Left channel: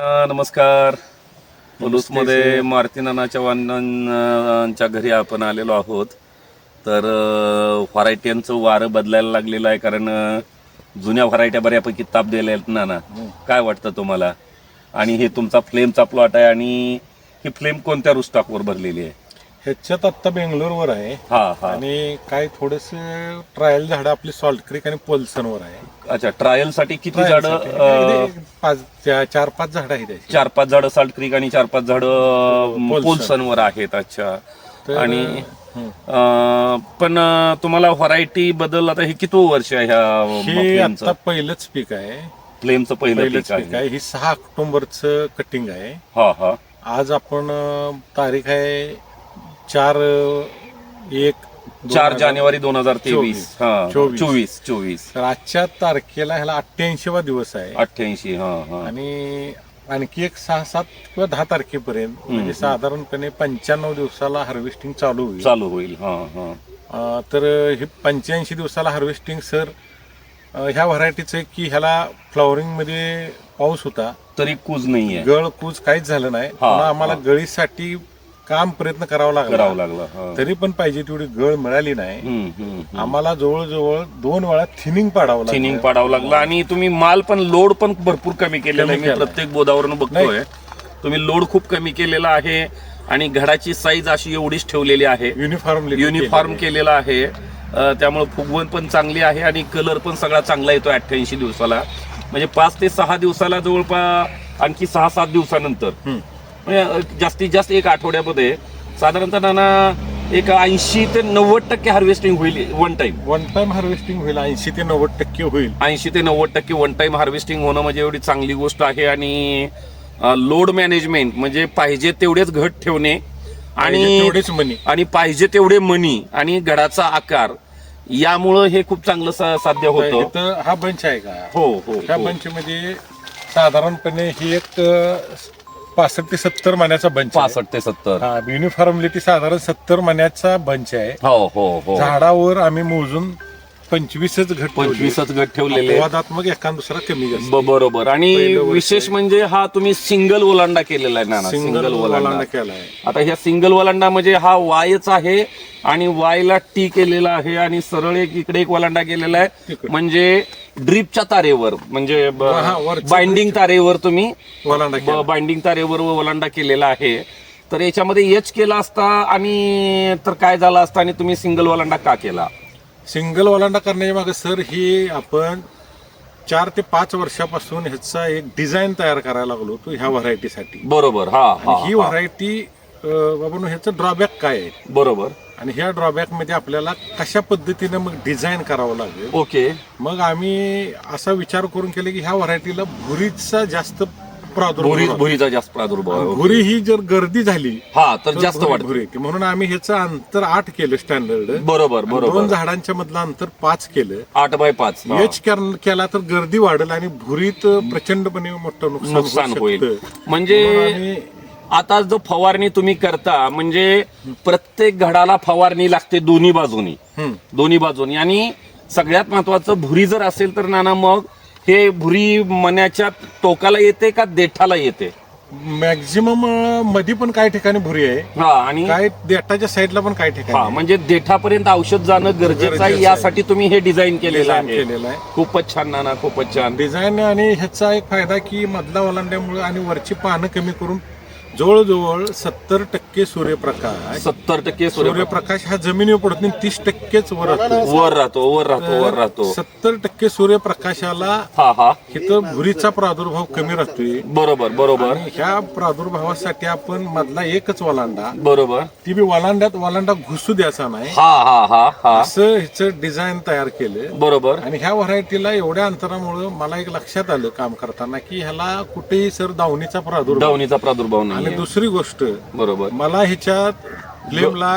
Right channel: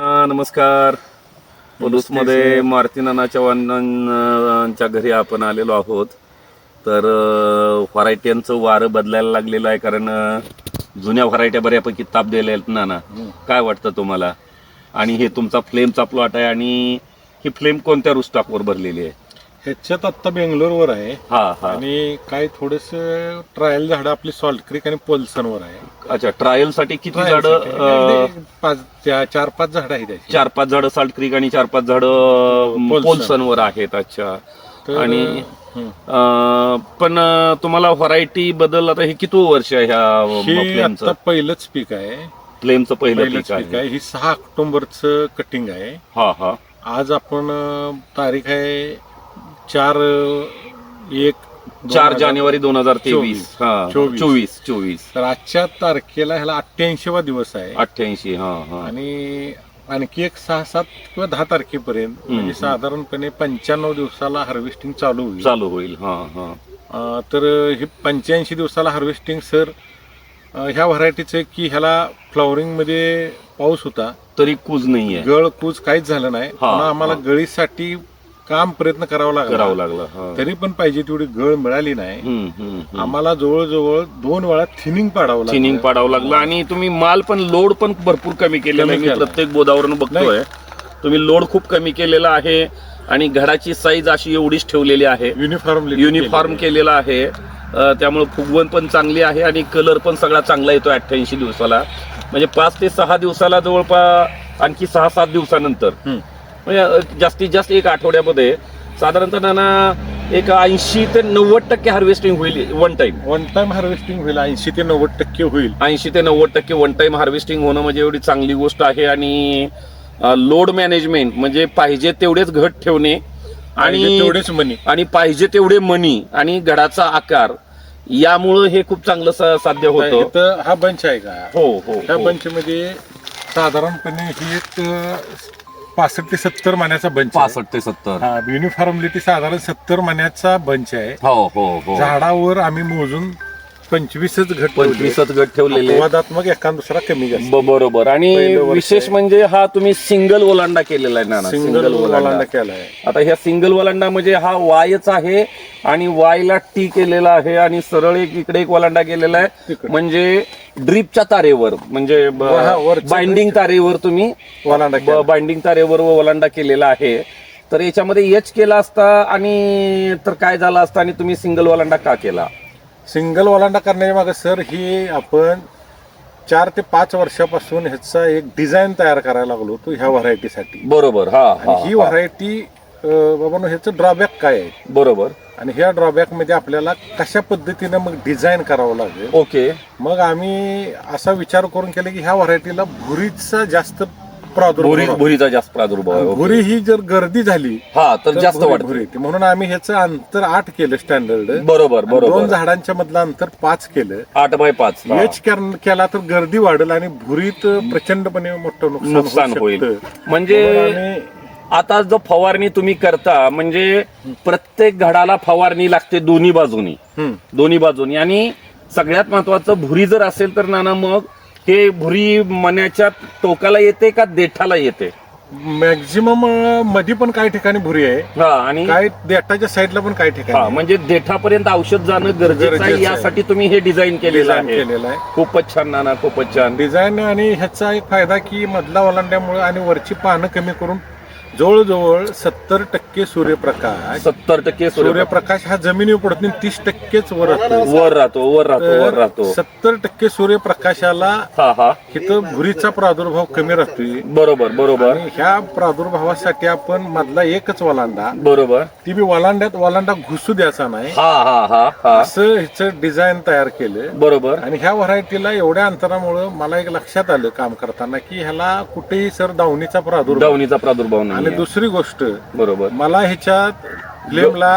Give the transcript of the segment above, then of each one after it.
नमस्कार. मध्ये मारुती नाना चव्हाणांच्या घरी आपण आलेलो आहोत. तर व्हरायट्यांचं वारं बदलायला लागलेलं आहे कारण जुन्या व्हरायट्या बऱ्यापैकी ताप दिल्या आहेत नाना. काय वाटतं तुम्हाला? आणि हे तुमचा फ्लेमचा प्लॉट आहे आणि ही फ्लेम कोणत्या रुस्टॉकवर भरलेली आहे? ह्याच्यात आत्ता बेंगलोरवर आहे. हा हा. आणि काय थोडस ट्रायल झाडं आपली सॉल्ट क्रिक आणि पोल्सनवर आहे. अच्छा ट्रायलसाठी किती झाडं पाच चा- चार पाच झाडं आहेत त्याची. चार पाच झाडं साल्ट क्रीक आणि चार पाच झाडं पोल्सन. पोल्सनवर आहेत अच्छा. तर, आणि हं. अं, पण अं, तुम्हाला व्हरायटी बदल आता हे किती वर्ष आहे ह्या हे आता पहिलंच पीक आहे. फ्लेमचं पहिलं पहिलंच पीक पीक आहे. आहे ही सहा ऑक्टोबरचं कटिंग आहे. हा हा. आज आपण अं, तारीख आहे चार एक चार जानेवारी दोन हजार तेवीस. हा. चोवीस. चोवीस तर आजच्या तारखेला ह्याला अठ्ठ्याऐंशीवा दिवस आहे. अठ्ठ्याऐंशी हा हा. आणि आणखी एक सहा सात किंवा दहा तारखेपर्यंत म्हणजे साधारणपणे पंच्याण्णव दिवसाला हार्वेस्टिंग चालू होईल. चालू होईल हा हा. अं, तर हे पंच्याऐंशी दिवसाला हार्वेस्टिंग सर अं, ह्या व्हरायटीचं की ह्याला फ्लॉवरिंगमध्ये पाऊस होता. तरी कुज नाहीये. गळ कूज काहीच झालं नाही. हा, आम्हाला हा. गळीसाठी काम प्रयत्न करावा करावं लागला लागलं हा. तरी पण पाहिजे तेवढी गळ मिळाली नाही. हम्म, हम्म, हम्म. आम्हाला जवळजवळ दोन वेळा थिनिंग पाडावं लागलं. थिनिंग पाडावं लागलं आणि तुम्ही माल पण लोड पण भरपूर कमी केलेला आहे. मी. प्रत्येक बोधावरून बघतोय. तुम्ही लोड खूप कमी केलेला आहे आणि घडाची साईज अशी एवढीच ठेवलेली आहे. युनिफॉर्म युनिफॉर्म केलेला. आहे. अं, त्यामुळे फुगवण पण चांगली आहे आणि कलर पण सगळा चांगला येतो अठ्ठ्याऐंशी दिवसाला. म्हणजे पाच ते सहा दिवसाला जवळपास आणखी सहा सात दिवसानंतर. म्हणजे जास्तीत जास्त एक आठवड्यामध्ये साधारणतः त्यांना एक ऐंशी ते नव्वद टक्के हार्वेस्टिंग होईल one time one time harvesting होईल ऐंशी ते नव्वद टक्के होईल. ऐंशी ते नव्वद टक्के वन टाइम हार्वेस्टिंग होणं म्हणजे एवढी चांगली गोष्ट आहे आणि लोड मॅनेजमेंट म्हणजे पाहिजे तेवढेच घट ठेवणे आणि तेवढेच मनी आणि पाहिजे तेवढे मनी आणि घडाचा आकार. यामुळं हे खूप चांगलं साध्य होतं. हा बंच आहे का? हो हो ह्या हो. बंच मध्ये साधारणपणे ही एक पासष्ट ते सत्तर मण्याचा बंच आहे. पासष्ट ते सत्तर. हा युनिफॉर्मली ती साधारण सत्तर मण्याचा बंच आहे. हो हो हो. झाडावर आम्ही मोजून पंचवीसच घट पंचवीसच गट ठेवलेले विवादात्मक एखाद दुसरा कमी जास्त. ब- बरोबर. आणि पहिलं वर्ष विशेष आहे. म्हणजे हा तुम्ही सिंगल ओलांडा केलेला आहे ना सिंगल ओलांडा. केला आहे. आता ह्या सिंगल वलांडा म्हणजे हा वायच आहे आणि वायला टी केलेला आहे आणि सरळ एक इकडे एक वलांडा केलेला आहे. इकडे. म्हणजे ड्रीपच्या तारेवर म्हणजे हा, बाइंडिंग तारेवर तुम्ही ओलांडा बाइंडिंग तारेवर वलांडा केलेला आहे. तर याच्यामध्ये एच केला असता आणि तर काय झालं असतं आणि तुम्ही सिंगल वलांडा का केला? सिंगल ओलांडा करण्याच्या मागे सर ही आपण चार ते पाच वर्षापासून ह्याचा एक डिझाईन तयार करायला लागलो होतो ह्या व्हरायटीसाठी. बरोबर हा आणि हा ही व्हरायटी बाबा ह्याचं ड्रॉबॅक काय आहे? बरोबर. आणि ह्या ड्रॉबॅकमध्ये आपल्याला कशा पद्धतीनं मग डिझाईन करावं लागेल? ओके. मग आम्ही असा विचार करून केला की ह्या व्हरायटीला भुरीचा जास्त भुरी प्रादुर्भाव भुरीचा जास्त प्रादुर्भाव आहे. भुरी ही जर गर्दी झाली हा तर जास्त भुरी- वाटत भुरी येते. म्हणून आम्ही ह्याचं अंतर आठ केलं स्टँडर्ड बरोबर दोन बरोबर. झाडांच्या मधलं अंतर पाच केलं. आठ बाय पाच हा. एच केला तर गर्दी वाढेल आणि भुरीत प्रचंडपणे मोठं नुकसान होऊ नुकसान शकतं. होईल. म्हणून म्हणजे आम्ही आता जो फवारणी तुम्ही करता म्हणजे प्रत्येक घडाला फवारणी लागते दोन्ही बाजूनी. हम्म, दोन्ही बाजूनी. आणि सगळ्यात महत्वाचं भुरी जर असेल तर नाना मग हे भुरी मण्याच्या टोकाला येते का देठाला येते? मॅक्झिमममध्ये पण काही ठिकाणी भुरी आहे. हा आणि काही देटाच्या साईडला पण काही हा ठिकाणी आहे. म्हणजे देठापर्यंत औषध जाणं गरजेचं आहे गरजेचं आहे. यासाठी तुम्ही हे डिझाईन केलेलं आहे. केलेलं आहे. खूपच छान नाना खूपच छान. डिझाईन आणि ह्याचा एक फायदा की मधला ओलांड्यामुळे आणि वरची पानं कमी करून जवळजवळ सत्तर टक्के सूर्यप्रकाश सत्तर टक्के सूर्य सूर्यप्रकाश हा जमिनीवर पडत नाही तीस टक्केच वर राहतो. वर राहतो वर राहतो वर राहतो. सत्तर टक्के सूर्यप्रकाशाला हा हा. इथं भुरीचा प्रादुर्भाव कमी राहतोय. बरोबर बरोबर. ह्या प्रादुर्भावासाठी आपण मधला एकच वलांडा. बरोबर. ती बी वलांड्यात वलांडा घुसू द्यायचा नाही. हा हा हा हा. असं ह्याचं डिझाईन तयार केलं बरोबर. आणि ह्या व्हरायटीला एवढ्या अंतरामुळं मला एक लक्षात आलं काम करताना की ह्याला कुठेही सर दावणीचा प्रादुर्भाव. दावणीचा प्रादुर्भाव आणि दुसरी गोष्ट बरोबर. मला ह्याच्यात फ्लेमला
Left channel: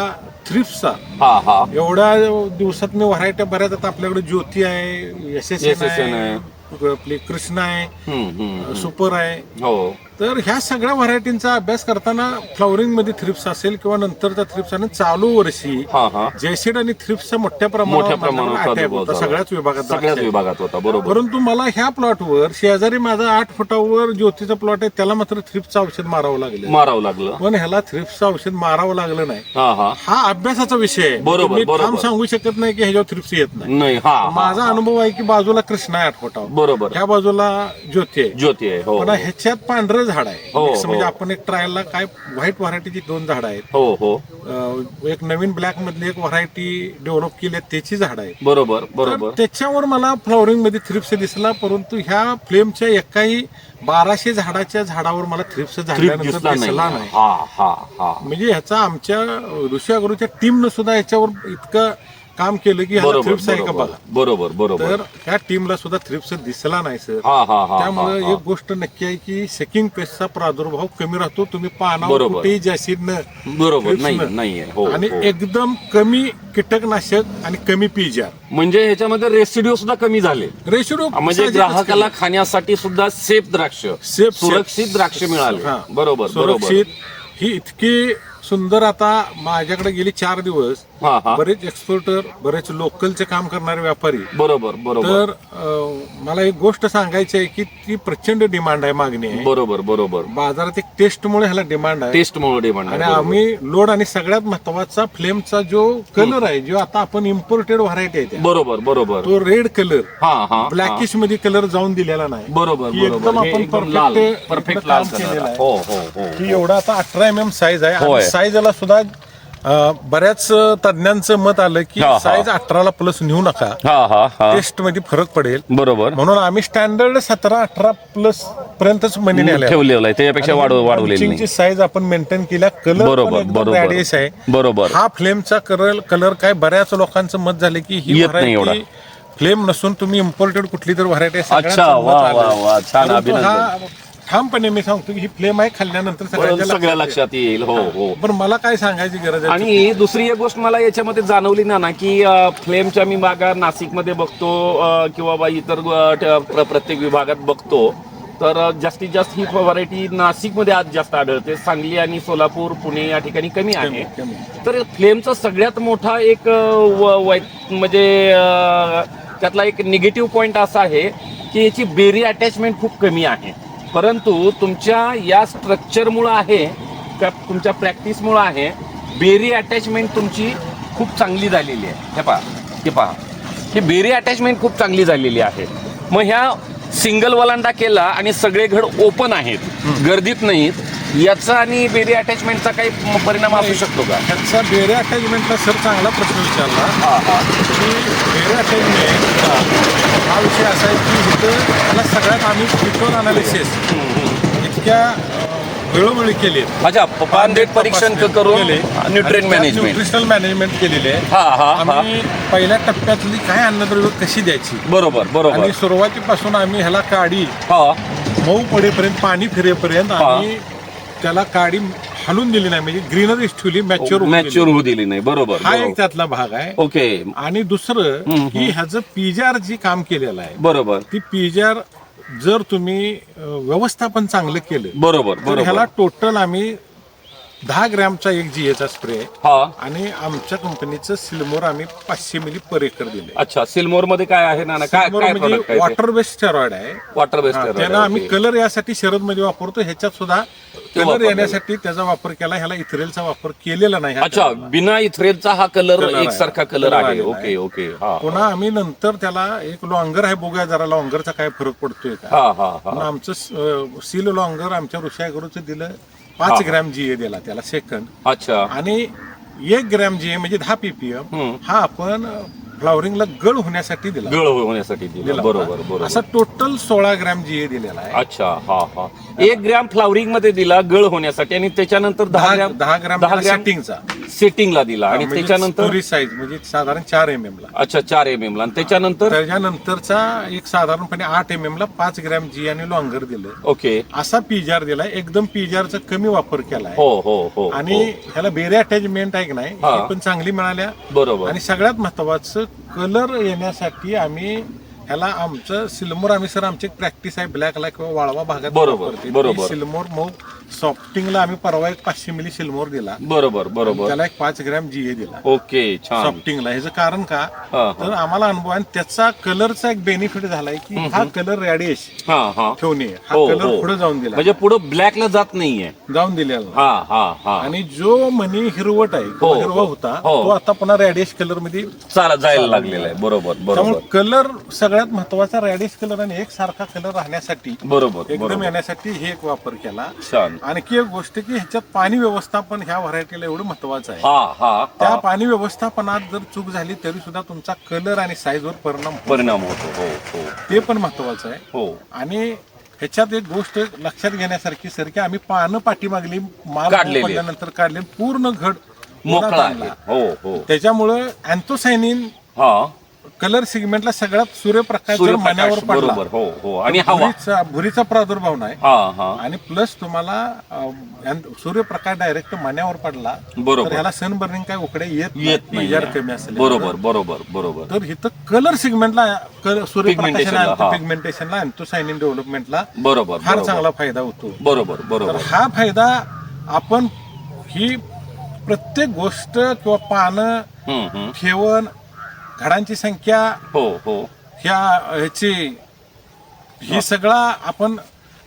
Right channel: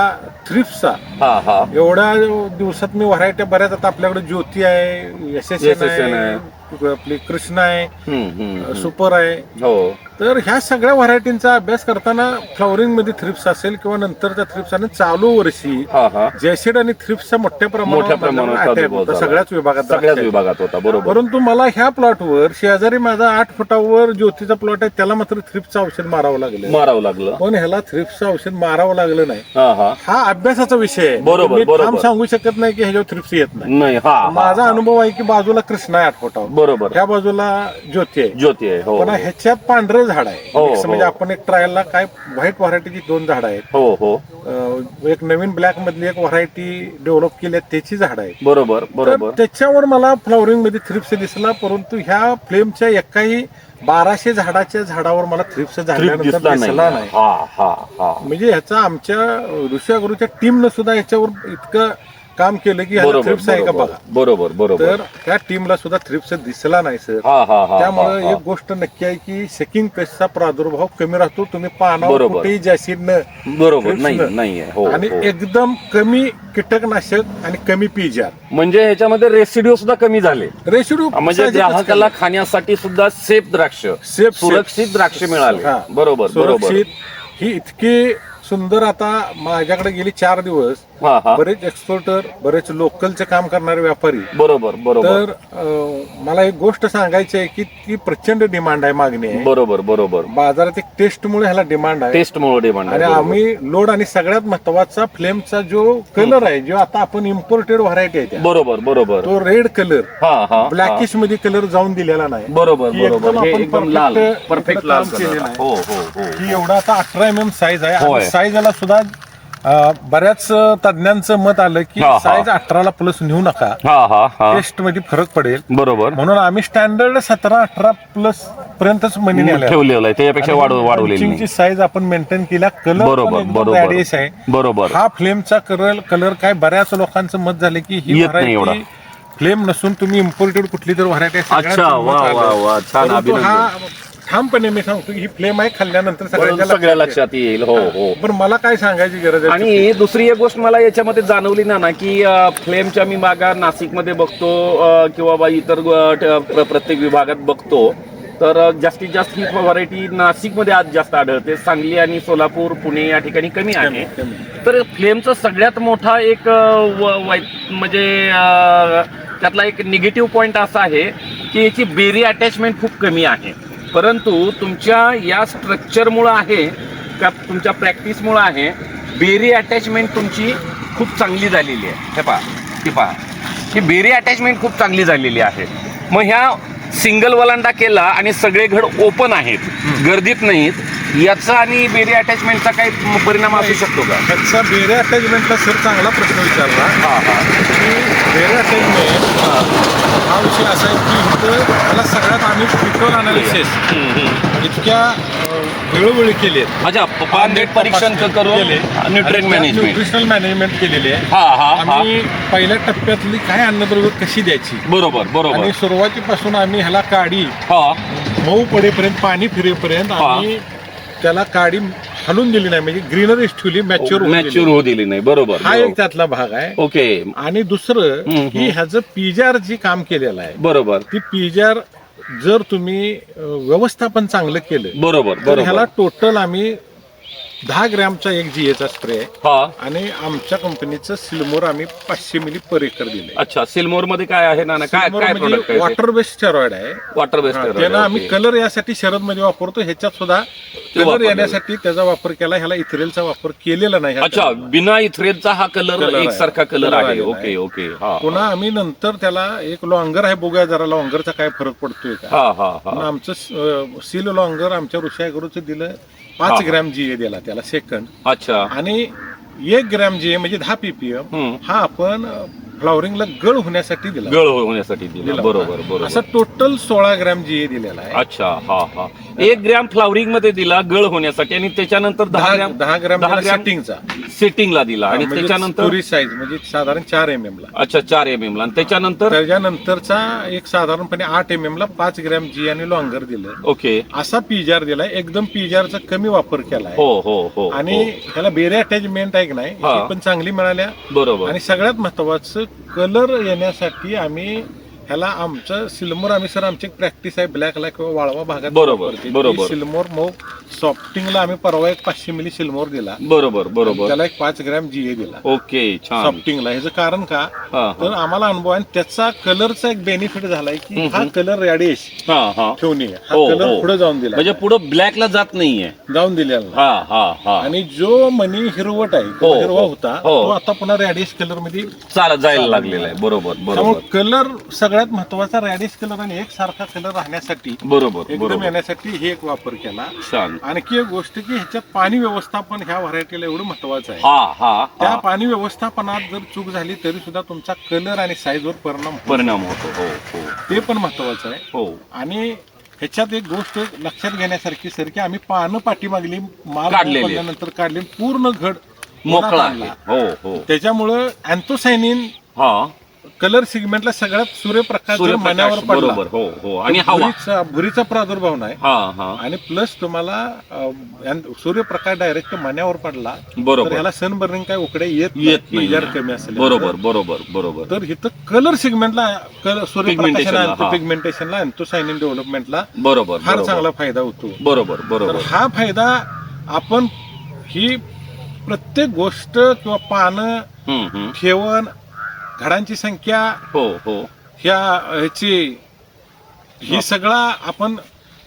थ्रिप्सचा हा हा. एवढ्या दिवसात मी व्हरायटी बऱ्याच आता आपल्याकडे ज्योती आहे SSN आहे आपली कृष्णा आहे. सुपर आहे. हो. तर ह्या सगळ्या व्हरायटींचा अभ्यास करताना फ्लॉवरिंगमध्ये थ्रिप्स असेल किंवा नंतरच्या थ्रिप्स आणि चालू वर्षी हा हा. जॅसिड आणि थ्रिप्सचा मोठ्या मोठ्या प्रमाणावर माझ्याकडे attack प्रादुर्भाव होता झाला. सगळ्याच विभागात सगळ्याच. विभागात होता बरोबर. परंतु मला ह्या प्लॉटवर शेजारी माझा आठ फुटावर ज्योतीचा प्लॉट आहे त्याला मात्र थ्रिप्सचं औषध मारावं लागलं. मारावं लागलं. पण ह्याला थ्रिप्सचं औषध मारावं लागलं नाही. हा हा. हा अभ्यासाचा विषय आहे. बरोबर, मी बरोबर. ठाम सांगू शकत नाही की ह्याच्यावर थ्रिप्स येत नाही. नाही हा हा. माझा अनुभव आहे की बाजूला कृष्णा आहे आठ फुटावर. बरोबर. ह्या बाजूला ज्योती आहे. ज्योती आहे हो पण ह्याच्यात पांढरं झाड आहे. हो, Mix हो. म्हणजे आपण एक ट्रायलला काय व्हाईट व्हरायटीची दोन झाड आहेत. हो हो. अं, एक नवीन ब्लॅक मधली एक व्हरायटी डेव्हलप केली आहे त्याची झाड आहेत. बरोबर तर बरोबर. त्याच्यावर मला फ्लॉवरिंगमध्ये थ्रिप्स दिसला परंतु ह्या फ्लेमच्या एकाही बाराशे झाडाच्या झाडावर मला थ्रिप्स ट्रिप झाल्यानंतर दिसला दिसला नाही नाही. हा हा हा. म्हणजे ह्याचा आमच्या ऋषागुरूच्या टीमनं सुद्धा याच्यावर इतकं काम केलं की ह्याला बरोबर थ्रिप्स आहे का बरोबर बघा. बरोबर बरोबर. तर त्या टीमला सुद्धा थ्रिप्स दिसला नाही सर हा हा हा त्यामुळे. एक गोष्ट नक्की आहे की सेकिंग पेस्टचा प्रादुर्भाव कमी राहतो. तुम्ही पानावर बरोबर. कुठेही बरोबर नाही न- नाही आहे. हो आणि हो. एकदम कमी कीटकनाशक आणि कमी पीजार म्हणजे ह्याच्यामध्ये रेसिड्यू सुद्धा कमी झाले. रेशिडो म्हणजे ग्राहकाला खाण्यासाठी सुद्धा सेफ द्राक्ष सेफ सुरक्षित द्राक्ष मिळाले. हा. बरोबर बरोबर. सुरक्षित. ही इतकी सुंदर आता माझ्याकडे गेली चार दिवस. हा हा. बरेच एक्सपोर्टर बरेच लोकलचे काम करणारे व्यापारी. बरोबर बरोबर. तर अं, मला एक गोष्ट सांगायची आहे की ती प्रचंड डिमांड आहे मागणी आहे. बरोबर बरोबर. बाजारात एक टेस्टमुळे ह्याला डिमांड आहे. टेस्ट मुळे डिमांड आणि आम्ही लोड आणि सगळ्यात महत्त्वाचा फ्लेमचा जो कलर आहे जो आता आपण इम्पोर्टेड व्हरायटी आहे त्या, बरोबर बरोबर. तो रेड कलर हा हा ब्लॅकिशमध्ये कलर जाऊन दिलेला नाही. बरोबर की एकदम बरोबर हे आपण एकदम लाल perfect- परफेक्ट लाल काम. केलेलं आहे. हो हो हो की एवढा आता अठरा एम एम साईज आहे होय. आणि साईज याला सुद्धा अं, बऱ्याच तज्ञांचं मत आलं की हा, हा. साईज अठराला प्लस नेऊ नका. हा हा हा. टेस्टमध्ये फरक पडेल. बरोबर. म्हणून आम्ही स्टँडर्ड सतरा अठरा प्लस पर्यंतच मनी ठेवलेलं आहे. त्याच्यापेक्षा वाढव वाढवलेली नाही. साईज आपण मेंटेन केला कलर बरोबर बरोबर. आहे. बरोबर. हा फ्लेमचा कलर कलर काय बऱ्याच लोकांचं मत झालं की ही येत नाही एवढा. फ्लेम नसून तुम्ही इम्पोर्टेड कुठली तर व्हरायटी अच्छा, वा, वा, वा. छान अभिनंदन. ठामपणे मी सांगतो की ही फ्लेम आहे खाल्ल्यानंतर सगळ्या लक्षात येईल हो हो. पण मला काय सांगायची गरज आहे? आणि दुसरी एक गोष्ट मला याच्यामध्ये जाणवली ना ना की अ, फ्लेमच्या मी मागा नाशिकमध्ये बघतो अ, किंवा बा इतर अ, ट- प्र- प्रत्येक विभागात बघतो. तर अ, जास्तीत जास्त ही व्हरायटी नाशिकमध्ये आज जास्त आढळते. सांगली आणि सोलापूर पुणे या ठिकाणी कमी आहे. कमी. तर फ्लेमचा सगळ्यात मोठा एक अ, व- म्हणजे अ, त्यातला एक निगेटिव्ह पॉइंट असा आहे की याची बेरी अटॅचमेंट खूप कमी आहे. परंतु तुमच्या या स्ट्रक्चरमुळं आहे का तुमच्या प्रॅक्टिसमुळं आहे बेरी अटॅचमेंट तुमची खूप चांगली झालेली आहे. हे पहा हे पहा. ही बेरी अटॅचमेंट खूप चांगली झालेली आहे. मग ह्या सिंगल वलांडा केला आणि सगळे घड ओपन आहेत. गर्दीत नाहीत. याचा आणि बेरी अटॅचमेंटचा काही परिणाम असू शकतो का? ह्याचा बेरे अटॅचमेंटला सर चांगला प्रश्न विचारला. हा हा. की बेरे अटॅचमेंट हा. विषय असा आहे की इथं त्याला सगळ्यात आम्ही फिटर अनालिसिस इतक्या वेळोवेळी केले. अच्छा पांदेट परीक्षण करून न्यूट्रिएंट मॅनेजमेंट न्यूट्रिशनल मॅनेजमेंट केलेली आहे. हा हा हा. आम्ही पहिल्या टप्प्यातली काय अन्नद्रव्य कशी द्यायची? बरोबर बरोबर. आणि सुरुवातीपासून आम्ही ह्याला काडी हा. मऊ पडेपर्यंत पाणी फिरेपर्यंत हा. आम्ही त्याला काडी हलून दिली नाही. म्हणजे ग्रीनरीच ठेवली मॅच्युअर मॅच्युअर होऊ दिली नाही. बरोबर हा बरोबर. एक त्यातला भाग आहे. ओके. आणि दुसरं हम्म, की ह्याचं पिजार जी काम केलेलं आहे बरोबर. ती पिजार जर तुम्ही अं, व्यवस्थापन चांगलं केलं बरोबर तर ह्याला बरोबर. टोटल आम्ही दहा ग्रॅमचा एक जीएचा स्प्रे आहे. हा. आणि आमच्या कंपनीचं सिल्मोर आम्ही पाचशे मिली पर एकर दिले अच्छा सिल्मोरमध्ये काय आहे ना ना? काय काय वॉटर बेस्ड स्टेरॉइड आहे. वॉटर हा, त्याला बेस्ड आम्ही कलर यासाठी शरदमध्ये वापरतो ह्याच्यात सुद्धा कलर वापरलेलं. येण्यासाठी त्याचा वापर केला ह्याला इथरेलचा वापर केलेला नाही ह्या अच्छा. बिना इथरेलचा हा कलर Color आहे. एकसारखा कलर Color आहे. आलेला ओके आहे. ओके हा पुन्हा आम्ही नंतर त्याला एक लॉंगर आहे बघूया जरा लॉंगरचा काय फरक पडतोय का. हा हा पण हा आमचं सील लॉंगर आमच्या ऋषागुरूचं दिलं. पाच. ग्रॅम जीए दिला त्याला सेकंड अच्छा आणि एक ग्रॅम जीए म्हणजे दहा पीपीएम. हा आपण फ्लॉवरिंगला गळ होण्यासाठी दिला. गळ होण्यासाठी दिला. दिला. बरोबर. बरोबर. असा टोटल सोळा ग्रॅम जीए दिलेला आहे. अच्छा हा हा. एक ग्रॅम फ्लावरिंगमध्ये दिला गळ होण्यासाठी आणि त्याच्यानंतर दहा दहा ग्रॅम दहा ग्रॅम दहा ग्रॅम सेटिंगचा सेटिंगला दिला. आणि त्याच्यानंतर साईज म्हणजे साधारण चार एम एम ला. अच्छा चार एम एम ला. आणि त्याच्यानंतर त्याच्यानंतरचा एक साधारणपणे आठ एम एम ला पाच ग्रॅम जी आणि लॉंगर दिलं. ओके. असा पिजार दिलाय. एकदम पिजारचा कमी वापर केलाय. हो हो हो आणि हो. ह्याला बेरे अटॅचमेंट आहे की नाही हा. ही पण चांगली मिळाल्या. बरोबर. आणि सगळ्यात महत्वाचं कलर येण्यासाठी आम्ही ह्याला आमचं सिल्मोर आम्ही सर आमची प्रॅक्टिस आहे ब्लॅकला किंवा वाळवा भागात बरोबर, वापरते. ती बरोबर. सिल्मोर मग सॉफ्टिंगला आम्ही परवा एक पाचशे मिली सिल्मोर दिला. बरोबर बरोबर. त्याला एक पाच ग्रॅम जीए दिला. ओके छान. सॉफ्टिंगला. ह्याचं कारण का? हा तर आम्हाला अनुभव आहे आणि त्याचा कलरचा एक बेनिफिट झालाय की हा कलर रॅडिश हा हा. ठेवणे. हा हो, कलर हो. पुढे जाऊन दिला. म्हणजे पुढं ब्लॅकला जात नाहीये. जाऊन दिलेला. हा हा हा. आणि जो मनी हिरवट आहे हो, तो हिरवा हो. होता हो. तो आता पुन्हा रॅडिश कलरमध्ये चालत जायला लागलेला आहे. बरोबर त्यामुळे बरोबर कलर सगळ्यात महत्त्वाचा रॅडिश कलर आणि एक सारखा कलर राहण्यासाठी बरोबर एकदम बरोबर. येण्यासाठी हे एक वापर केला. छान. आणखी एक गोष्ट की ह्याच्यात पाणी व्यवस्थापन ह्या व्हरायटीला एवढं महत्वाचं आहे. हा हा त्या हा पाणी व्यवस्थापनात जर चूक झाली तरी सुद्धा तुमचा कलर आणि साईजवर परिणाम होतो. परिणाम होतो हो हो. ते पण महत्वाचं आहे. हो. आणि ह्याच्यात एक गोष्ट लक्षात घेण्यासारखी सर की आम्ही पानं पाठीमागली माल काढलेली. पडल्यानंतर काढले पूर्ण घड मोकळा. आहे. हो हो. त्याच्यामुळं अँथोसायनिन हा. कलर सिगमेंटला सगळ्यात सूर्यप्रकाश जर सूर्यप्रकाश मण्यावर पडला बरोबर हो हो. आणि हवा. भुरीचा भुरीचा प्रादुर्भाव नाही. हा हा. आणि प्लस तुम्हाला अं, यां- सूर्यप्रकाश डायरेक्ट मण्यावर पडला तर बरोबर. ह्याला सनबर्निंग काय उकडे येत येत नाही. कमी असेल बरोबर बरोबर बरोबर. तर इथं कलर सिगमेंटला Pigmentation ला, सूर्यप्रकाशाला हा. पिगमेंटेशनला अँथोसायनिन डेव्हलपमेंटला बरोबर फार बरोबर. चांगला फायदा होतो. बरोबर तर बरोबर हा फायदा आपण ही प्रत्येक गोष्ट किंवा पानं हम्म, हम्म. ठेवण घडांची संख्या हो हो. ह्या ह्याची ही सगळा आपण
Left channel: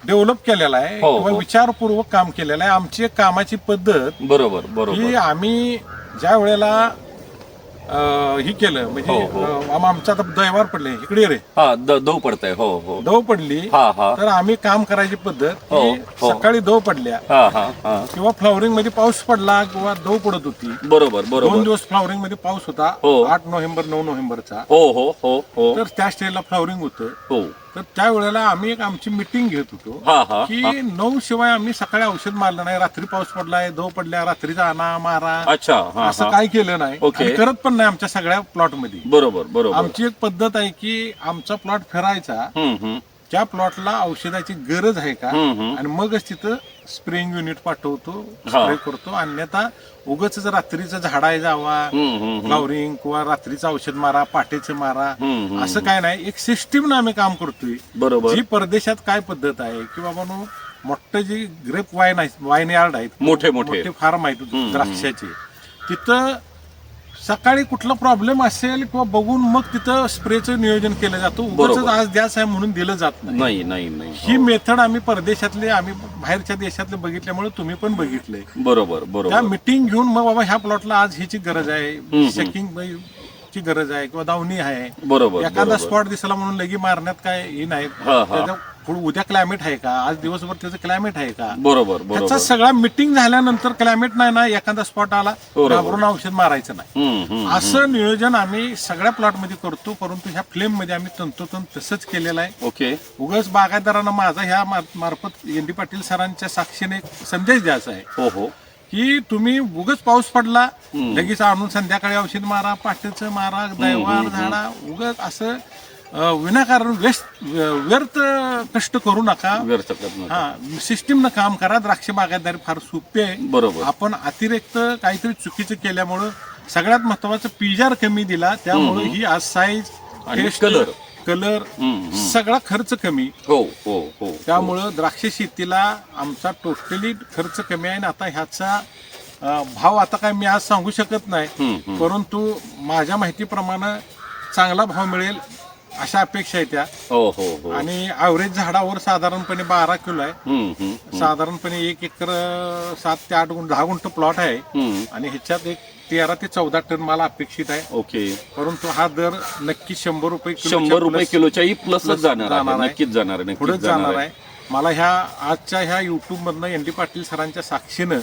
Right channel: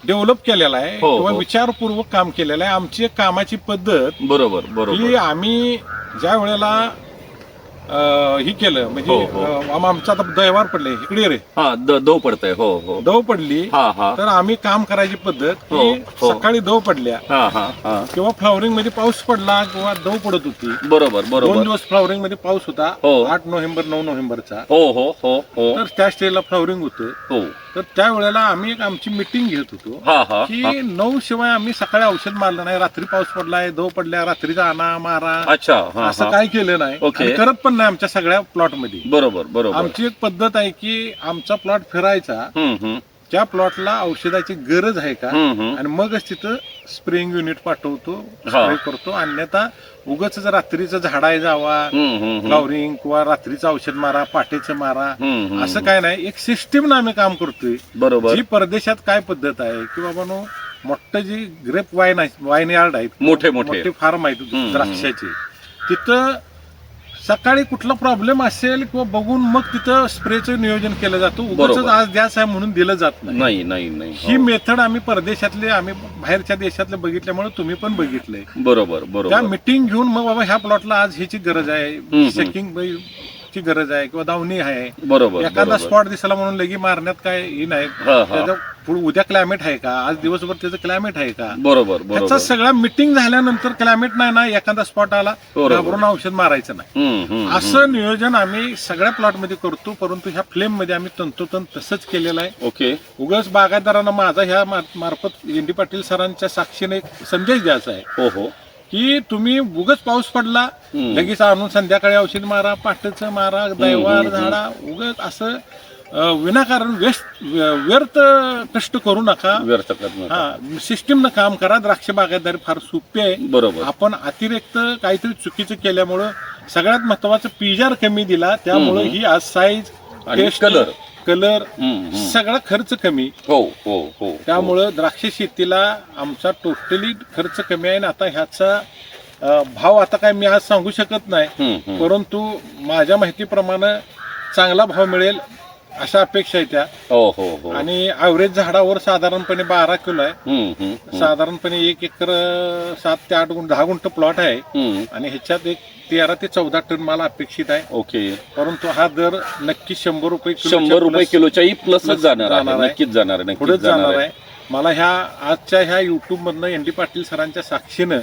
डेव्हलप केलेला आहे हो, किंवा हो. विचारपूर्वक काम केलेलं आहे. आमची कामाची पद्धत बरोबर बरोबर. आम्ही ज्या वेळेला ही केलं. म्हणजे हो, हो. अं, आम- आमचं आता दैवार पडले इकडे रे. हा द- दव पडतंय. हो हो. दव पडली. हा हा. तर आम्ही काम करायची पद्धत हो, की हो. सकाळी दव पडल्या. हा हा हा. किंवा फ्लॉवरिंगमध्ये पाऊस पडला किंवा दव पडत होती. बरोबर दोन बरोबर दिवस फ्लॉवरिंगमध्ये पाऊस होता. हो. आठ नोव्हेंबर नऊ नोव्हेंबरचा. हो हो हो हो. तर त्या स्टेजला फ्लॉवरिंग होतं. हो. तर त्या वेळेला आम्ही एक आमची मिटिंग घेत होतो हा हा हा. की नऊ शिवाय आम्ही सकाळी औषध मारलं नाही. रात्री पाऊस पडलाय दव पडल्या रात्रीचा आणा मारा. अच्छा हा असं हा काय केलं नाही. आणि करत पण नाही आमच्या सगळ्या प्लॉटमध्ये बरोबर बरोबर. आमची एक पद्धत आहे की आमचा प्लॉट फिरायचा. हम्म हम्म. त्या प्लॉटला औषधाची गरज आहे का? हम्म हम्म. आणि मगच तिथं स्प्रेइंग युनिट पाठवतो हा. स्प्रे करतो. अन्यथा उगच रात्रीचं झाडाय जावा. फ्लॉवरिंग किंवा रात्रीचं औषध मारा पाटेचं मारा असं काय नाही. एक सिस्टीम आम्ही काम करतोय. बरोबर. जी परदेशात काय पद्धत आहे की बाबा नो मोठं जी ग्रेप वाईन आहे वाईन यार्ड आहेत मोठे मोठे. फार्म आहेत द्राक्षाचे तिथं सकाळी कुठला प्रॉब्लेम असेल किंवा बघून मग तिथं स्प्रेचं नियोजन केलं जातं उगाच बरोबर. आज द्यास आहे म्हणून दिलं जात नाही नाही नाही नाही ही हो. मेथड आम्ही परदेशातले आम्ही बाहेरच्या देशातले बघितल्यामुळे तुम्ही पण बघितलंय बरोबर त्या बरोबर मिटिंग घेऊन मग बाबा ह्या प्लॉटला आज ह्याची गरज आहे हम्म. शेकिंग ची गरज आहे किंवा दावणी आहे. बरोबर एखादा बरोबर. स्पॉट दिसला म्हणून लगी मारण्यात काय हे नाही. हा, हा. त्याचं पुढं उद्या क्लायमेट आहे का? आज दिवसभर त्याचं क्लायमेट आहे का? बरोबर त्याचा बरोबर. सगळा मिटिंग झाल्यानंतर क्लायमेट नाही ना एखादा स्पॉट आला बरोबर. घाबरून औषध मारायचं नाही. हम्म हम्म असं नियोजन आम्ही सगळ्या प्लॉटमध्ये करतो परंतु ह्या फ्लेममध्ये आम्ही तंतोतंत तसंच केलेलं आहे. ओके. उगाच बागायतदारांना माझा ह्या मार- मार्फत एन डी पाटील सरांच्या साक्षीने एक संदेश द्यायचा आहे. हो हो. की तुम्ही उगच पाऊस पडला. लगेच आणून संध्याकाळी औषध मारा पाटचं मारा दैवार झाडा उगच असं विनाकारण व्यस्त व्यर्थ कष्ट करू नका व्यर्थ. हा सिस्टीमनं काम करा द्राक्ष बागायतदारी फार सोपी आहे बरोबर आपण अतिरिक्त काहीतरी चुकीचं केल्यामुळं सगळ्यात महत्वाचं पिजार कमी दिला त्यामुळे ही आज साईज आणि color. कलर. सगळा खर्च कमी. हो हो हो त्यामुळं द्राक्ष शेतीला आमचा टोटली खर्च कमी आहे आणि आता ह्याचा भाव आता काय मी आज सांगू शकत नाही. परंतु माझ्या माहितीप्रमाणे चांगला भाव मिळेल अशा अपेक्षा आहे त्या. हो हो हो. आणि ॲव्हरेज झाडावर साधारणपणे बारा किलो आहे. साधारणपणे एक एकर सात ते आठ गुंठ दहा गुंठ प्लॉट आहे. आणि ह्याच्यात एक तेरा ते चौदा टन मला अपेक्षित आहे. ओके. परंतु हा दर नक्की शंभर रुपये किलोच्या शंभर रुपये plus किलोच्याही plus जाणार जाणार आहे. आहे. नक्कीच जाणार आहे पुढेच नक्कीच जाणार आहे. मला ह्या आजच्या ह्या युट्यूब मधनं एन डी पाटील सरांच्या साक्षीनं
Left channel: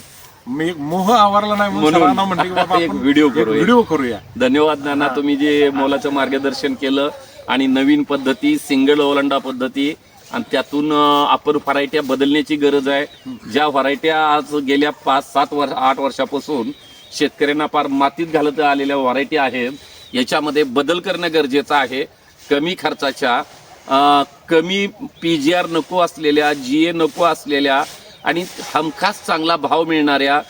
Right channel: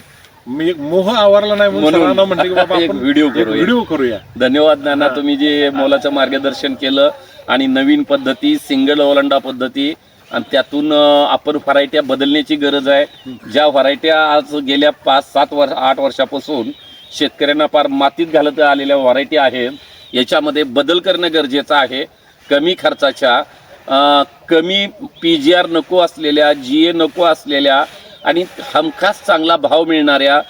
मी एक मोह आवरला नाही म्हणून म्हणून सरांना म्हणले की बाबा एक आपण व्हिडिओ एक करूया. व्हिडिओ करूया. धन्यवाद नाना तुम्ही जे मोलाचं मार्गदर्शन केलं आणि नवीन पद्धती सिंगल ओलांडा पद्धती आणि त्यातून अं, आपण व्हरायट्या बदलण्याची गरज आहे. ज्या व्हरायट्या आज गेल्या पाच सात वर्ष आठ वर्षापासून शेतकऱ्यांना फार मातीत घालत आलेल्या व्हरायटी आहेत याच्यामध्ये बदल करणं गरजेचं आहे. कमी खर्चाच्या कमी पी जी आर नको असलेल्या जी ए नको असलेल्या आणि हमखास चांगला भाव मिळणाऱ्या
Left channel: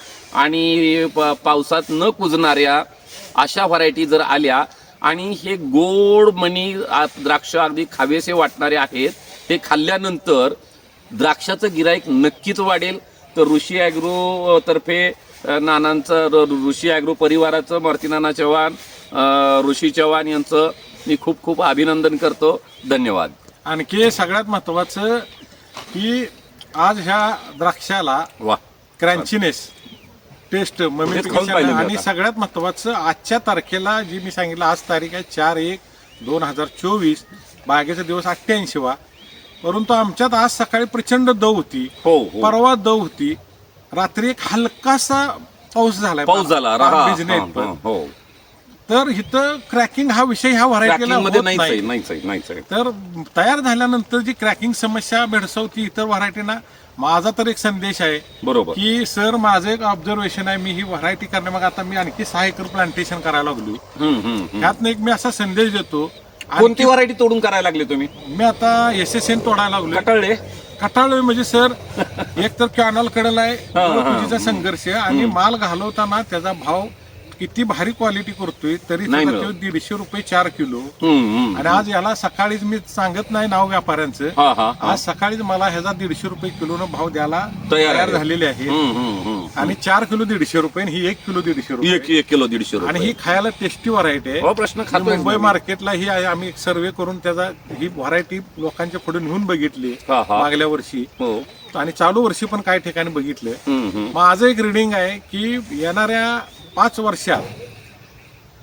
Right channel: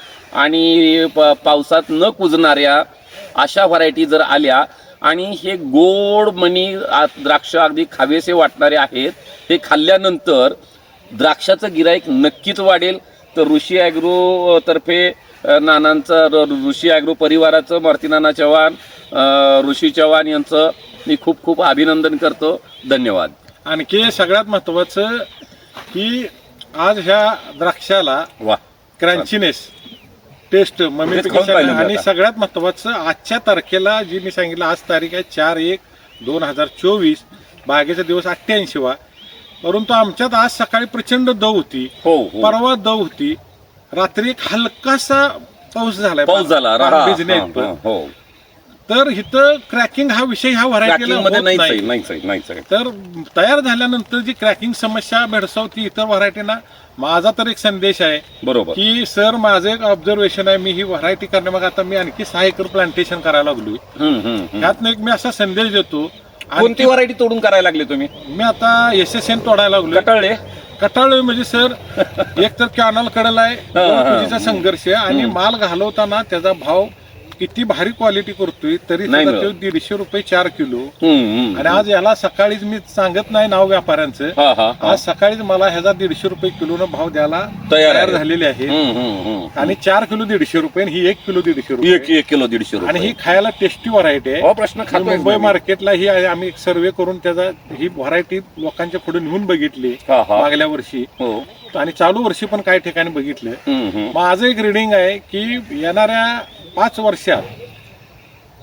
आणि प- पावसात न कुजणाऱ्या अशा व्हरायटी जर आल्या आणि हे गोड मणी आ- द्राक्ष अगदी खावेसे वाटणारे आहेत ते खाल्ल्यानंतर द्राक्षाचं गिराईक नक्कीच वाढेल. तर ऋषी ॲग्रो तर्फे नानांचं र- ऋषी ॲग्रो परिवाराचं मारुती नाना चव्हाण ऋषी चव्हाण यांचं मी खूप खूप अभिनंदन करतो. धन्यवाद. आणखी सगळ्यात महत्वाचं की आज ह्या द्राक्षाला वा. क्रंचीनेस टेस्ट खाऊन पाहिलं ममिफिकेशन मी आणि. सगळ्यात महत्वाचं आजच्या तारखेला जी मी सांगितलं आज तारीख आहे चार एक दोन हजार चोवीस बागेचा दिवस अठ्ठ्याऐंशी वा परंतु आमच्यात आज सकाळी प्रचंड दव होती. हो हो. परवा दव होती. रात्री एक हलकासा पाऊस झालाय पाऊस झाला. हा, हा. हा, हो. तर इथं क्रॅकिंग हा विषय ह्या व्हरायटीला Tracking मध्ये होत नाहीच आहे नाही. आहे तर तयार झाल्यानंतर जी क्रॅकिंग समस्या भेडसावती इतर व्हरायटीना माझा तर एक संदेश आहे बरोबर. की सर माझं एक ऑब्झर्वेशन आहे. मी ही व्हरायटी करण्यामागे आता मी आणखी सहा एकर प्लांटेशन करायला लागलोय. हम्म, हम्म, हम्म. ह्यातनं एक मी असा संदेश देतो. कोणती आणखी व्हरायटी तोडून करायला लागले तुम्ही? मी आता एस एस एन तोडायला लागलोय. कटाळले. कटाळलोय म्हणजे सर एक तर कॅनल कडेला आहे संघर्ष आणि माल घालवताना त्याचा भाव किती भारी क्वालिटी करतोय तरी नाही सुद्धा मिळत. तो दीडशे रुपये चार किलो हम्म, हम्म. आणि आज याला सकाळीच मी सांगत नाही नाव व्यापाऱ्यांचं हा हा हा आज सकाळीच मला ह्याचा दीडशे रुपये किलोनं भाव द्यायला तयार आहे. झालेले आहे हम्म, हम्म, हम्म. आणि चार किलो दीडशे रुपये आणि ही एक किलो दीडशे एक रुपये एक किलो दीडशे आणि रुपये ही खायला टेस्टी व्हरायटी आहे हो प्रश्न खातोय मुंबई. मार्केटला ही आहे आम्ही एक सर्वे करून त्याचा ही व्हरायटी लोकांच्या पुढे नेऊन बघितली हा, हा. मागल्या वर्षी हो आणि चालू वर्षी पण काही ठिकाणी बघितलं हम्म, हम्म. माझं एक रिडिंग आहे की येणाऱ्या पाच वर्षात.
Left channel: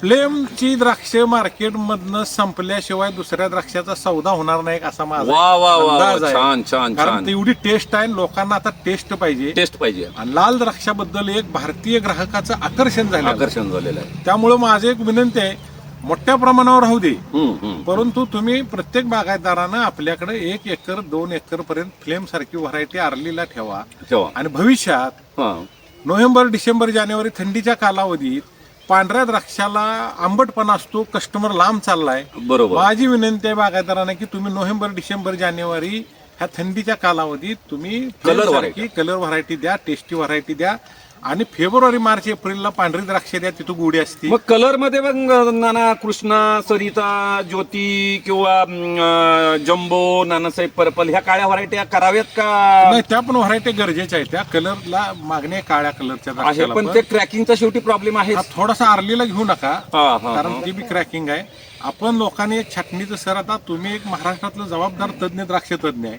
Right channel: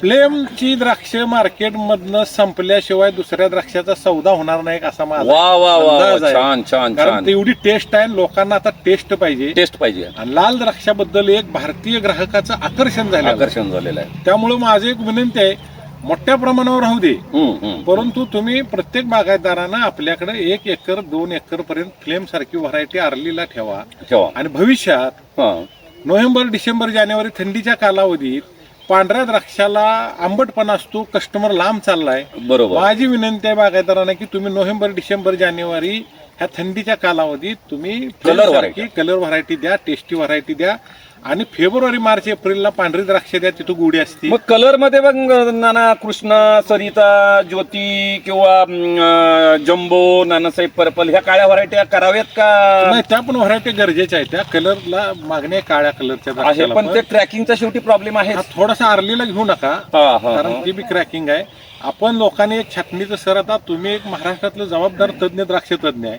प्लेमची द्राक्ष मार्केटमधनं संपल्याशिवाय दुसऱ्या द्राक्षाचा सौदा होणार नाही असा माझा वा वा वा अंदाज आहे. छान छान कारण छान. तेवढी टेस्ट आहे लोकांना आता टेस्ट पाहिजे. टेस्ट पाहिजे. आणि लाल द्राक्षाबद्दल एक भारतीय ग्राहकाचं आकर्षण झालं आकर्षण झालेलं आहे. त्यामुळं माझं एक विनंती आहे मोठ्या प्रमाणावर राहू दे. हम्म, हम्म. परंतु तुम्ही प्रत्येक बागायतदारानं आपल्याकडे एक एकर दोन एकर पर्यंत फ्लेम सारखी व्हरायटी आरलीला ठेवा. ठेवा. आणि भविष्यात हा. नोव्हेंबर डिसेंबर जानेवारी थंडीच्या कालावधीत पांढऱ्या द्राक्षाला आंबटपणा असतो कस्टमर लांब चाललाय. बरोबर. माझी विनंती आहे बागायतदारांना की तुम्ही नोव्हेंबर डिसेंबर जानेवारी ह्या थंडीच्या कालावधीत तुम्ही Color सारखी कलर व्हरायटी द्या टेस्टी व्हरायटी द्या. आणि फेब्रुवारी मार्च एप्रिलला पांढरी द्राक्ष द्या तिथं गुढी असते. मग कलरमध्ये बघ नाना कृष्ण सरिता ज्योती किंवा अं, जम्बो नानासाहेब पर्पल ह्या काळ्या व्हरायट्या कराव्यात का? नाही त्या पण व्हरायटी गरजेच्या आहेत. त्या कलरला मागणी काळ्या कलरच्या आहे द्राक्षाला पण पण. ते ट्रॅकिंगचा शेवटी प्रॉब्लेम आहे. हा थोडासा आरलीला घेऊ नका कारण ती बी क्रॅकिंग आहे. आपण लोकांनी एक छाटणीचं सर आता तुम्ही एक महाराष्ट्रातलं जबाबदार तज्ज्ञ द्राक्ष तज्ज्ञ आहे.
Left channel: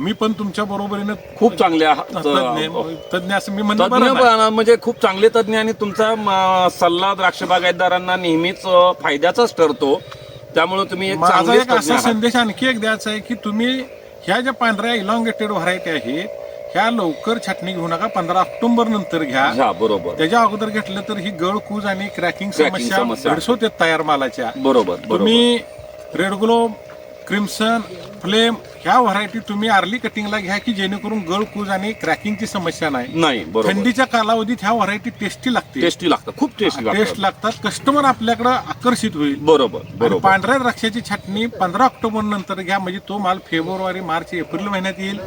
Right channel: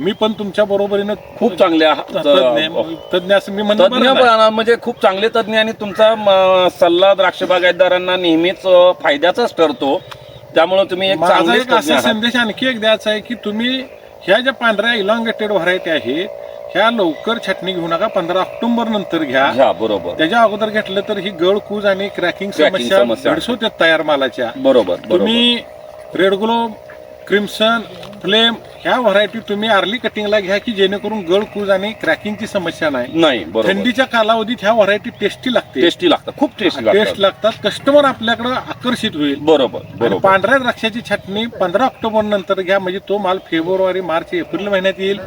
मी पण तुमच्या बरोबरीनं खूप चांगले आहात. तज्ज्ञ तज्ज्ञ असं मी तज्ञ. पण म्हणजे खूप चांगले तज्ञ आणि तुमचा म, सल्ला द्राक्ष बागायतदारांना नेहमीच अ, फायद्याचाच ठरतो. त्यामुळे तुम्ही एक माझा एक असा संदेश आणखी एक द्यायचा आहे की तुम्ही ह्या ज्या पांढऱ्या इलॉंगेटेड व्हरायटी आहेत ह्या लवकर छाटणी घेऊ नका. पंधरा ऑक्टोबर नंतर घ्या. बरोबर. त्याच्या अगोदर घेतलं तर ही गळकूज आणि क्रॅकिंग Cracking समस्या समस्या. तयार मालाच्या. बरोबर बरोबर. तुम्ही रेड ग्लो क्रिम्सन फ्लेम ह्या व्हरायटी तुम्ही आर्ली कटिंगला घ्या की जेणेकरून गळकूज आणि क्रॅकिंगची समस्या नाही. नाही बरोबर. थंडीच्या कालावधीत ह्या व्हरायटी टेस्टी लागते. टेस्टी लागतात खूप टेस्टी टेस्ट लागतात. लागतात. कस्टमर आपल्याकडे आकर्षित होईल. बरोबर आणि बरोबर. पांढऱ्या द्राक्षाची छाटणी पंधरा ऑक्टोबर नंतर घ्या म्हणजे तो माल फेब्रुवारी मार्च एप्रिल महिन्यात येईल.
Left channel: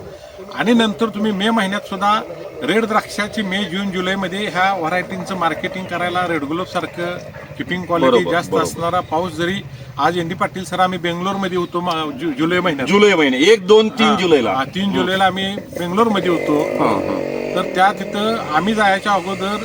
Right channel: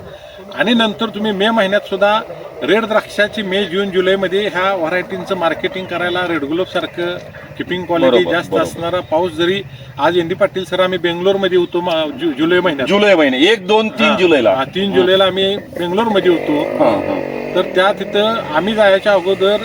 आणि नंतर तुम्ही मे महिन्यात सुद्धा रेड द्राक्षाची मे जून जुलैमध्ये ह्या व्हरायटींचं मार्केटिंग करायला रेड गुलाब सारखं किपिंग क्वालिटी बरोबर, जास्त बरोबर. असणारा पाऊस जरी आज एन डी पाटील सर आम्ही बेंगलोरमध्ये होतो मा- जु- जुलै महिन्यात. जुलै महिने एक दोन तीन जुलैला. हा, तीन जुलैला आम्ही बेंगलोरमध्ये होतो. हा, हा. तर त्या तिथं आम्ही जायच्या अगोदर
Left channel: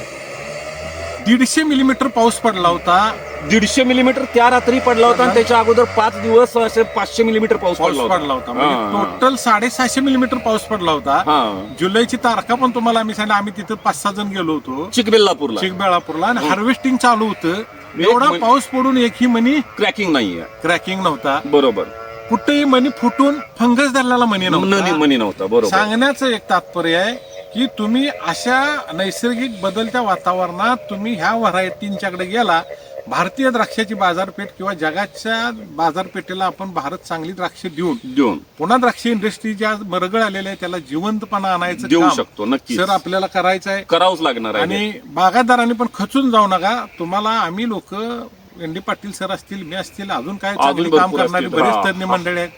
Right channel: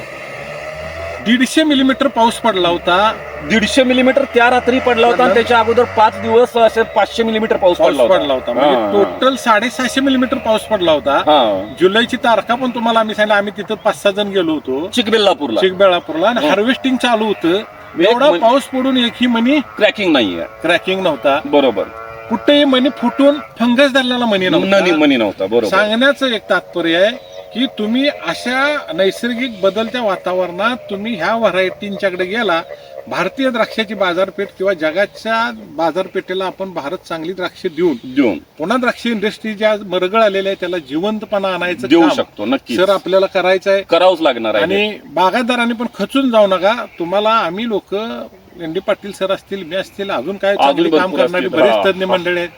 दीडशे मिलीमीटर पाऊस पडला होता. दीडशे मिलीमीटर त्या रात्री पडला होता आणि त्याच्या अगोदर पाच दिवस असे पाचशे मिलीमीटर पाऊस पाऊस पडला पडला होता. हा, म्हणजे. टोटल साडेसहाशे मिलीमीटर पाऊस पडला होता. हा. जुलैची तारखा पण तुम्हाला आम्ही सांगितलं. आम्ही तिथं पाच सहा जण गेलो होतो. चिकबेल्लापूरला. चिकबेळापूरला आणि हार्वेस्टिंग चालू होतं. एवढा मण- पाऊस पडून एकही मनी क्रॅकिंग नाहीये. क्रॅकिंग नव्हता. बरोबर. कुठेही मनी फुटून फंगस धरलेला मनी नव्हता. मनी नव्हता बरोबर. सांगण्याचं एक तात्पर्य आहे की तुम्ही अशा नैसर्गिक बदलत्या वातावरणात तुम्ही ह्या व्हरायटींच्याकडे गेला भारतीय द्राक्षाची बाजारपेठ किंवा जगाच्या बाजारपेठेला आपण भारत चांगली द्राक्ष देऊन देऊन. पुन्हा द्राक्ष इंडस्ट्री ज्या मरगळ आलेल्या आहे त्याला जिवंतपणा आणायचं देऊ काम शकतो नक्की सर आपल्याला करायचं आहे करावंच लागणार आहे. आणि बागायतदारांनी पण खचून जाऊ नका. तुम्हाला आम्ही लोक एन डी पाटील सर असतील मी असतील अजून काय चांगली काम भरपूर करणारी असतील. बरेच हा, तज्ज्ञ हा. मंडळी आहेत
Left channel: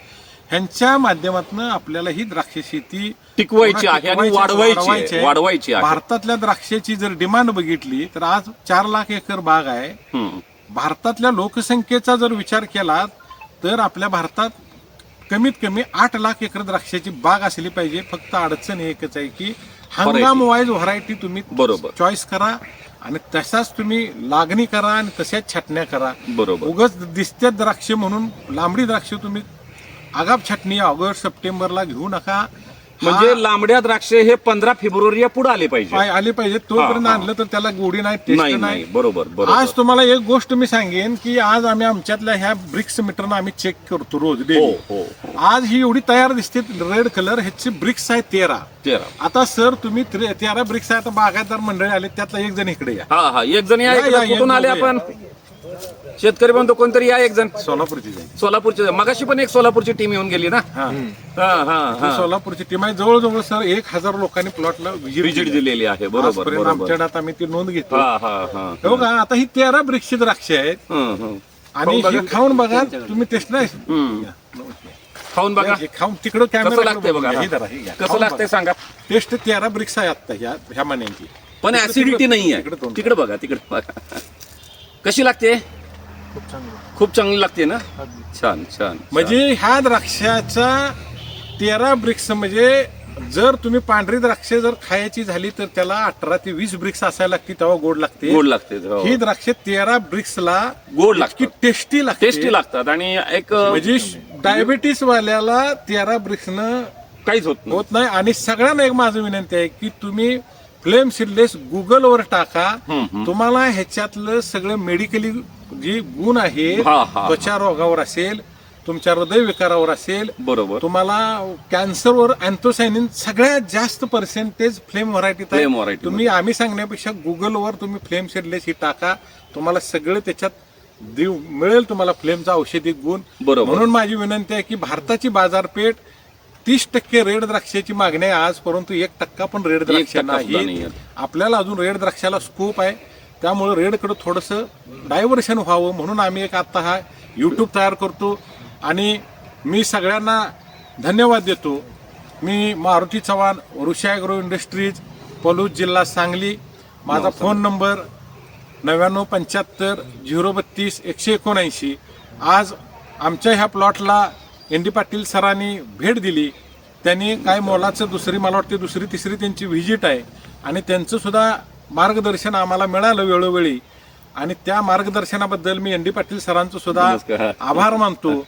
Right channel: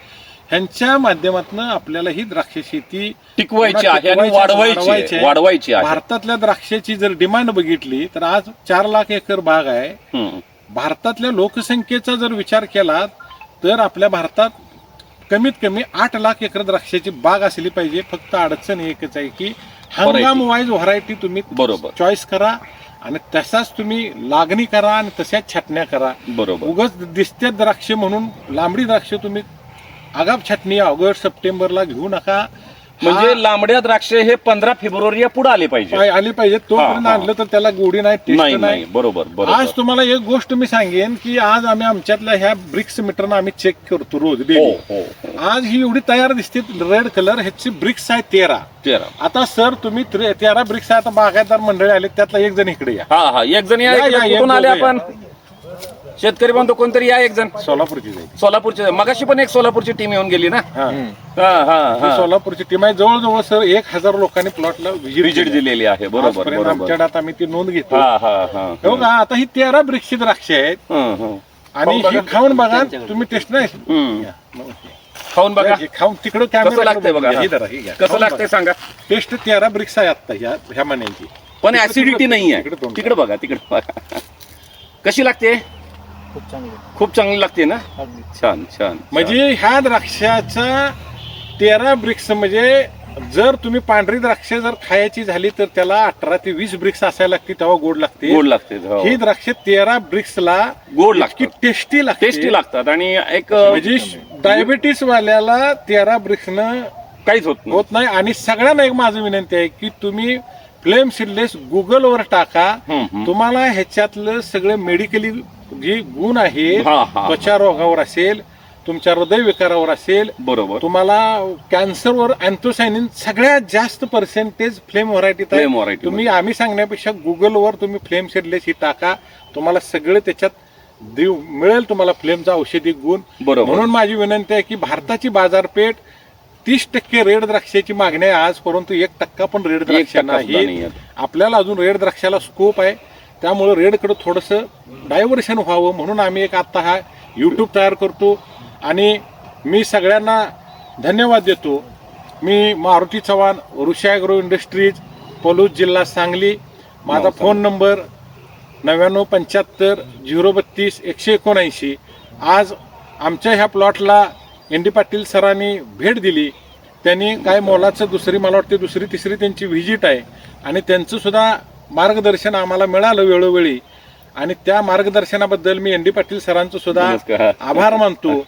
ह्यांच्या माध्यमातून आपल्याला ही द्राक्ष शेती टिकवायची आहे आणि टिकवायची, वाढवायची वाढवायची आहे आहे. वाढवायची आहे भारतातल्या द्राक्षाची जर डिमांड बघितली तर आज चार लाख एकर बाग आहे हम्म. भारतातल्या लोकसंख्येचा जर विचार केला तर आपल्या भारतात कमीत कमी आठ लाख एकर द्राक्षाची बाग असली पाहिजे फक्त अडचण एकच आहे की हंगाम वाईज व्हरायटी तुम्ही बरोबर. चॉईस करा आणि तसाच तुम्ही लागणी करा आणि तशाच छाटण्या करा. बरोबर. उगच दिसत्यात द्राक्ष म्हणून लांबडी द्राक्ष तुम्ही आगाप छाटणी ऑगस्ट सप्टेंबरला घेऊ नका. म्हणजे लांबड्या द्राक्ष हे पंधरा फेब्रुवारी पुढे आले पाहिजे. आले पाहिजे. तोपर्यंत हा, हा. आणलं तर त्याला गोडी नाही टेस्ट नाही बरोबर आज तुम्हाला एक गोष्ट मी सांगेन की आज आम्ही आमच्यातल्या ह्या ब्रिक्स मीटरनं आम्ही चेक करतो रोज हो daily. हो हो आज ही एवढी तयार दिसते रेड कलर ह्याची ब्रिक्स आहे तेरा. तेरा. आता सर तुम्ही त्रे- ब्रिक्स आहे आता बागायतदार मंडळी आले त्यातला एक जण इकडे या. हा हा. एक जण आले. आपण? शेतकरी बंधू कोणतरी या एक जण. सोलापूरची जाईल. सोलापूरचे. मगाशी पण एक सोलापूरची टीम येऊन गेली ना? हा. हा हा ही. हा सोलापूरची टीम आहे. जवळजवळ सर एक हजार लोकांनी प्लॉटला व्हिजिट दिलेली आहे. बरोबर आजपर्यंत बरोबर. आमच्याकडे आता मी ती नोंद घेतो. हा हा हा. हो का आता ही तेरा ब्रिक्सची द्राक्ष आहेत. हं, हं. आणि खाऊन ही बघा. खाऊन बघा तुम्ही टेस्ट नाही. हं. खाऊन बघा. हे खाऊन तिकडं कसं लागतंय बघा? ही हा. ही. कसं लागतंय. सांगा. टेस्ट तेरा ब्रिक्स आहे आता ह्या ह्या महिन्यांची. पण ऍसिडिटी तिकडं- नाही आहे तिकडे बघा तिकडे बघा. कशी लागते? खूप चांगली. लागते ना? छान छान. म्हणजे ह्या द्राक्षाचा तेरा ब्रिक्स म्हणजे जर तुम्ही पांढरी द्राक्ष जर खायची झाली तर त्याला अठरा ते वीस ब्रिक्स असायला लागते तेव्हा गोड लागते. गोड लागते हो. ही द्राक्ष तेरा ब्रिक्सला गोड लागतात. टेस्टी लागते. टेस्टी लागतात. आणि एक म्हणजे डायबिटीस वाल्याला तेरा ब्रिक्सनं काहीच होत नाही. होत नाही. आणि सगळ्यांना एक माझं विनंती आहे की तुम्ही फ्लेम सिडलेस गुगलवर टाका. तुम्हाला ह्याच्यातलं सगळं मेडिकली जे गुण आहेत हा, हा. त्वचा रोगावर असेल तुमच्या हृदय विकारावर असेल बरोबर तुम्हाला कॅन्सरवर अँथोसायनिन सगळ्यात जास्त पर्सेंटेज फ्लेम Flame आहे variety तुम्ही आम्ही सांगण्यापेक्षा गुगलवर तुम्ही फ्लेम शेडलेस ही टाका तुम्हाला सगळं त्याच्यात देऊ मिळेल तुम्हाला फ्लेमचा औषधी गुण बरोबर. म्हणून माझी विनंती आहे की भारताची बाजारपेठ तीस टक्के रेड द्राक्षाची मागणी आहे आज परंतु एक टक्का पण रेड द्राक्ष नाही. आपल्याला अजून रेड द्राक्षाला स्कोप आहे. त्यामुळे रेडकडे थोडंसं डायव्हर्शन व्हावं म्हणून आम्ही एक आत्ता हा यूट्यूब तयार करतो. आणि मी सगळ्यांना धन्यवाद देतो. मी मारुती चव्हाण ऋषा ॲग्रो इंडस्ट्रीज पलूस जिल्हा सांगली. माझा फोन नंबर नव्याण्णव पंच्याहत्तर झिरो बत्तीस एकशे एकोणऐंशी. आज आमच्या ह्या प्लॉटला एन डी पाटील सरांनी भेट दिली. त्यांनी काय मोलाचं दुसरी मला वाटते दुसरी तिसरी त्यांची व्हिजिट आहे. आणि त्यांचं सुद्धा मार्गदर्शन आम्हाला मिळालं वेळोवेळी. आणि त्या मार्गदर्शनाबद्दल मी एन डी पाटील सरांचं सुद्धा. आभार मानतो.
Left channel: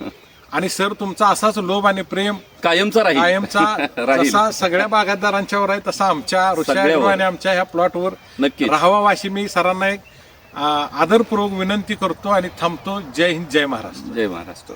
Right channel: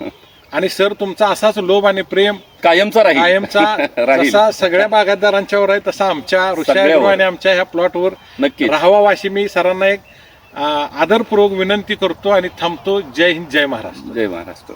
आणि सर तुमचा असाच लोभ आणि प्रेम कायमचा कायमचा जसा सगळ्या बागायतदारांच्यावर आहे तसा आमच्या ऋषा सगळ्यावर. ॲग्रो आणि आमच्या ह्या प्लॉटवर नक्कीच. राहावा अशी मी सरांना एक आदरपूर्वक विनंती करतो आणि थांबतो. जय हिंद जय महाराष्ट्र. जय महाराष्ट्र.